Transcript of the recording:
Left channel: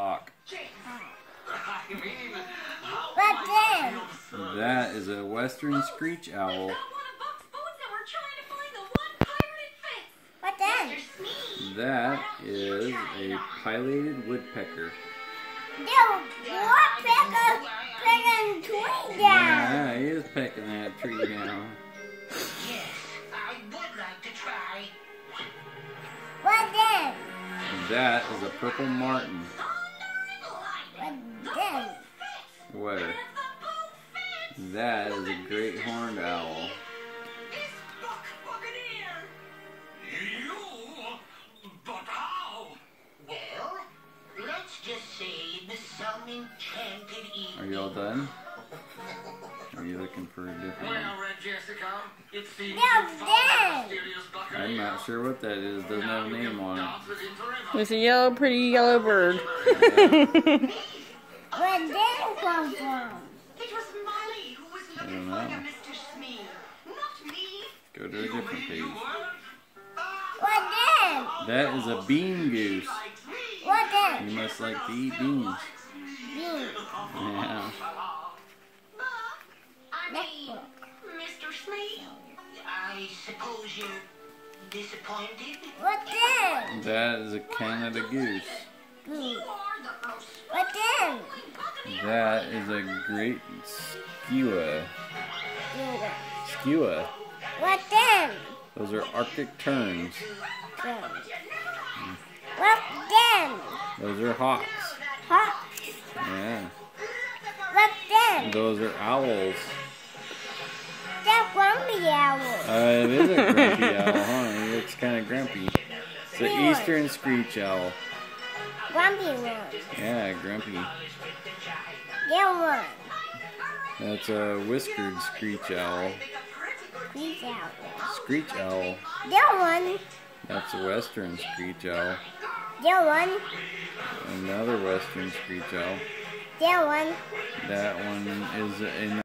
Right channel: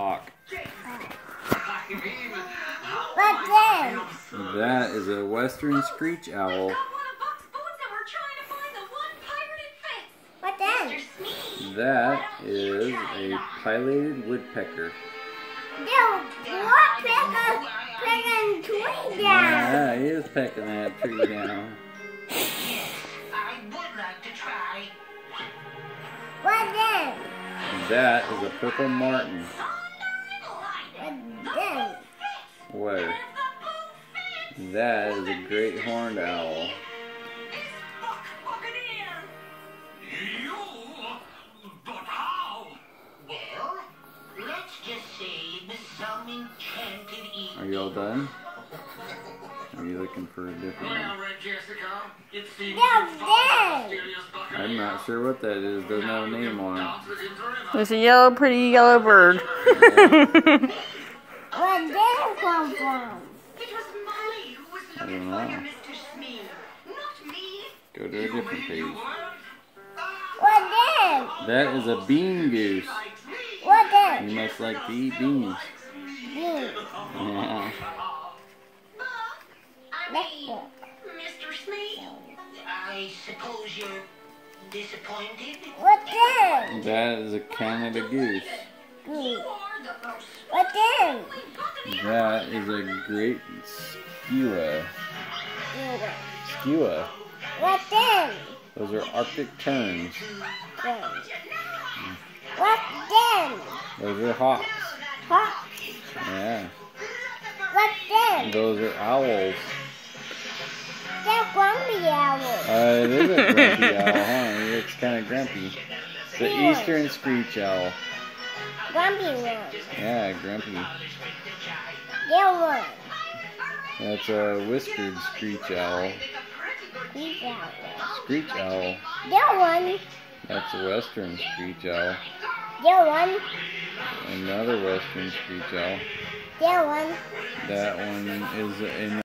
hawk. What then? That is a western screech owl. What then? That is a pileated woodpecker. The woodpecker picking tree down. Yeah, he is pecking that tree down. I would like to try. What then? That is a purple martin. What then? Where? That is a great horned owl. But how? Well, let's just say it was some enchanted evening. Are you all done? Are you looking for a different one? Well, Jessica, it seems What you then? found the mysterious buccaneer. I'm not sure what that is. Doesn't have a name on it. There's a yellow, pretty yellow bird. Where did it come from? It was Molly who was I looking don't for you, know. Mr. Smee. Not me. Go to a different page. What then? That is a bean goose. What then? You must like to eat beans. Bean. Yeah. I Let's mean, look. Mr. Smee, I suppose you're disappointed? What then? That is a Canada goose. Goose. What then? That is a great skua. Skua. What then? Those are Arctic terns. Then. What then? Those are hawks. Hawk. Yeah. What then? Those are owls. That's grumpy owl. It is a grumpy owl, huh? He looks kind of grumpy. It's the eastern screech owl. Grumpy one. Yeah, grumpy. There one. That's a whiskered screech owl. These owl. Screech owl. There one. That's a western screech owl. There one. Another western screech owl. There one. That one is in